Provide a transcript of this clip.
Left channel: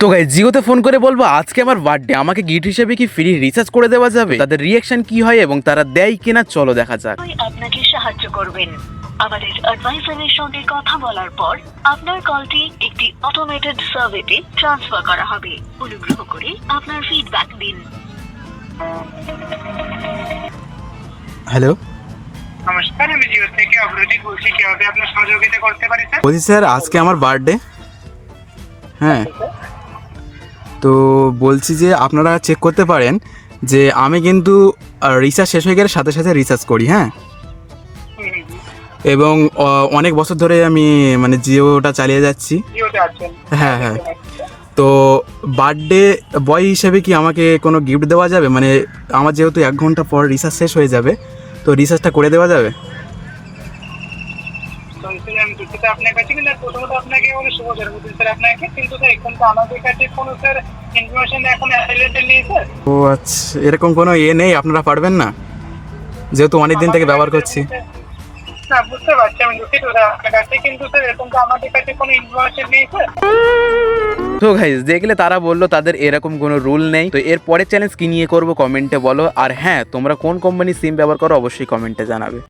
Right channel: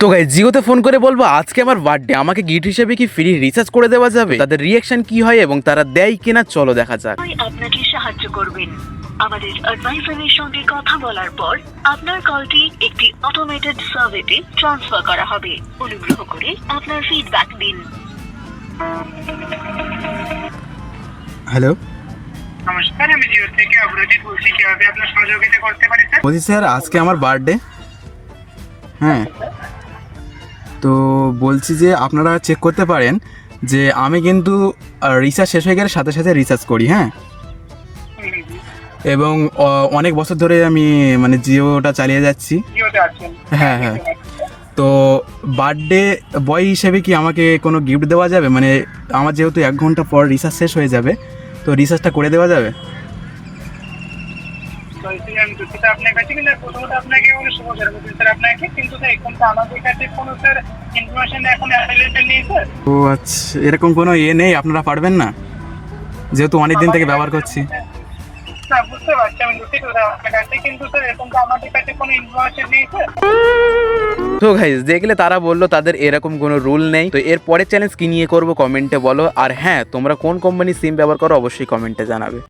তো গাই জিওতে ফোন করে বলব আজকে আমার বার্থডে আমাকে গিফট হিসেবে কি ফ্রি রিচার্জ করে দেওয়া যাবে? তাদের রিয়াকশন কি হয় এবং তারা দেয় কিনা চলো দেখা যাক। আপনাকে সাহায্য করবেন। আমাদের অ্যাডভাইজারের সঙ্গে কথা বলার পর আপনার কলটি একটি অটোমেটেড সার্ভেতে ট্রান্সফার করা হবে। অনুগ্রহ করে আপনার ফিডব্যাক দিন। হ্যালো নমস্কার আমি জিও থেকে অগ্রজিৎ বলছি। কীভাবে আপনার সহযোগিতা করতে পারি স্যার বলছি স্যার আজকে আমার বার্থডে হ্যাঁ। তো বলছি যে আপনারা চেক করতে পারেন যে আমি কিন্তু রিচার্জ শেষ হয়ে গেলে সাথে সাথে রিচার্জ করি হ্যাঁ? এবং অনেক বছর ধরে আমি মানে জিওটা চালিয়ে যাচ্ছি। হ্যাঁ হ্যাঁ। তো বার্থডে বয় হিসেবে কি আমাকে কোনো গিফট দেওয়া যাবে? মানে আমার যেহেতু এক ঘণ্টা পর রিচার্জ শেষ হয়ে যাবে তো রিচার্জটা করে দেওয়া যাবে? আমি দুঃখিত আপনার কাছে কিন্তু প্রথমত আপনাকে বলে শুভ জন্মদিন স্যার আপনাকে। কিন্তু স্যার এখন তো আমাদের কাছে কোনো স্যার ইনফরমেশন এখন অ্যাভেলেবেল নেই স্যার। ও আচ্ছা এরকম কোনো ইয়ে নেই? আপনারা পারবেন না? যেহেতু অনেক দিন থেকে ব্যবহার করছি। না বুঝতে পারছি আমি দুঃখিত আপনার কাছে কিন্তু স্যার এখন তো আমাদের কাছে কোনো ইনফরমেশন নেই স্যার। তো গাইজ দেখলে তারা বলল তাদের এরকম কোনো রুল নেই। তো এর পরের চ্যালেঞ্জ কি নিয়ে করব? কমেন্টে বলো। আর হ্যাঁ তোমরা কোন কোম্পানির সিম ব্যবহার করো? অবশ্যই কমেন্টে জানাবে।